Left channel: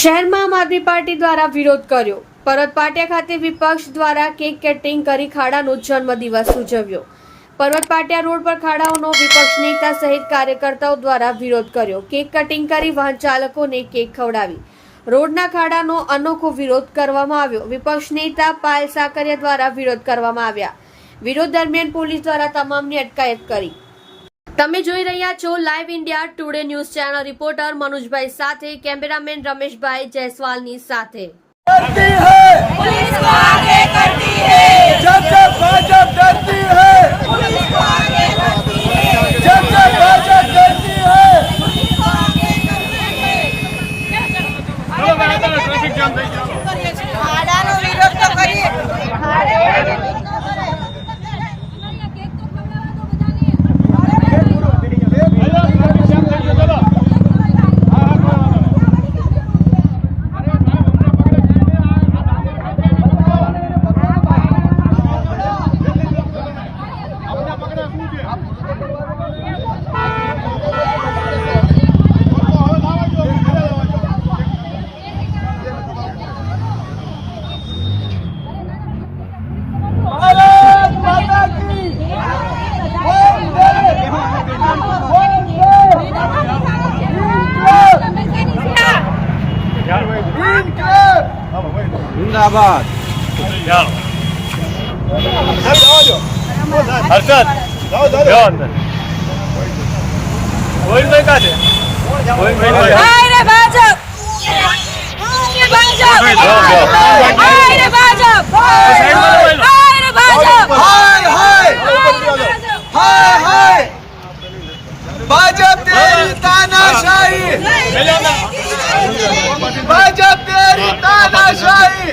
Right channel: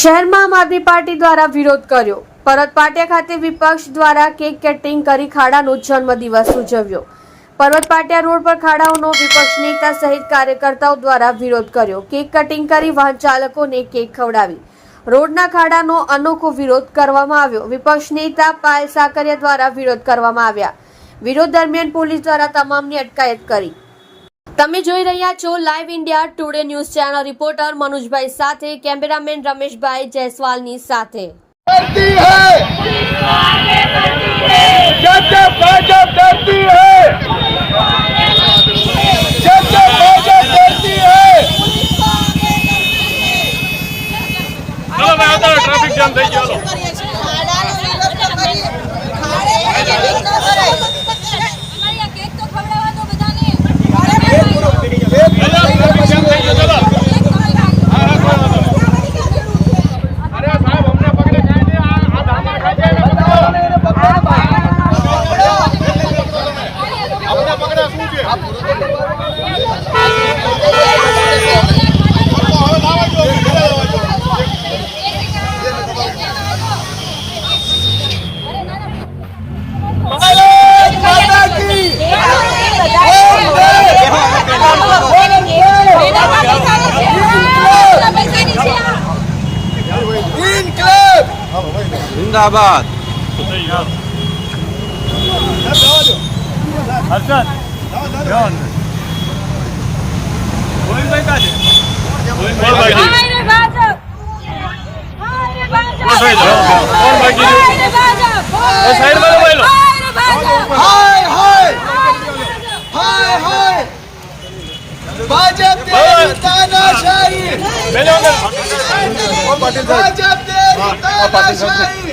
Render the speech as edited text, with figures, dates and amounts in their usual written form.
શહેરમાં આમ આદમી પાર્ટી દ્વારા વિરોધ કર્યો। પરબત પાટિયા ખાતે વિપક્ષ દ્વારા કેક કટિંગ કરી ખાડાનો જન્મદિવસ ઉજવ્યો। પરબત પાટિયા રોડ પર ખાડાઓનો વિપક્ષ નેતા સહિત કાર્યકર્તાઓ દ્વારા વિરોધ કર્યો। કેક કટિંગ કરી વાહન ચાલકોને કેક ખવડાવી રોડના ખાડાનો અનોખો વિરોધ કરવામાં આવ્યો। વિપક્ષ નેતા પાયલ સાકરિયા દ્વારા વિરોધ કરવામાં આવ્યા। વિરોધ દરમિયાન પોલીસ દ્વારા તમામની અટકાયત કરી। તમે જોઈ રહ્યા છો live India today news channel. Reporter મનોજભાઈ સાથે કેમેરામેન રમેશભાઈ જયસ્વાલની સાથે। करती है पुलिस को आगे करती है जब जब भाजपा डरती है पुलिस को आगे करती है जब जब भाजपा डरती है पुलिस को आगे करती है। चलो मैं आता ट्रैफिक जाम થઈ ગયો ખાડાનો વિરોધ તો કરીએ ખાડે વિરોધ ન કરાય અમારી આ કેક તો ખવડાવવા દો બધાને जिंदाबाद हर्षद ध्यान कोई नहीं का दे कोई नहीं हाय रे भाजप हाय रे भाजप हाय रे भाजप हाय हाय हाय हाय भाजपा तेरी तानाशाही भाजपा तेरी तानाशाही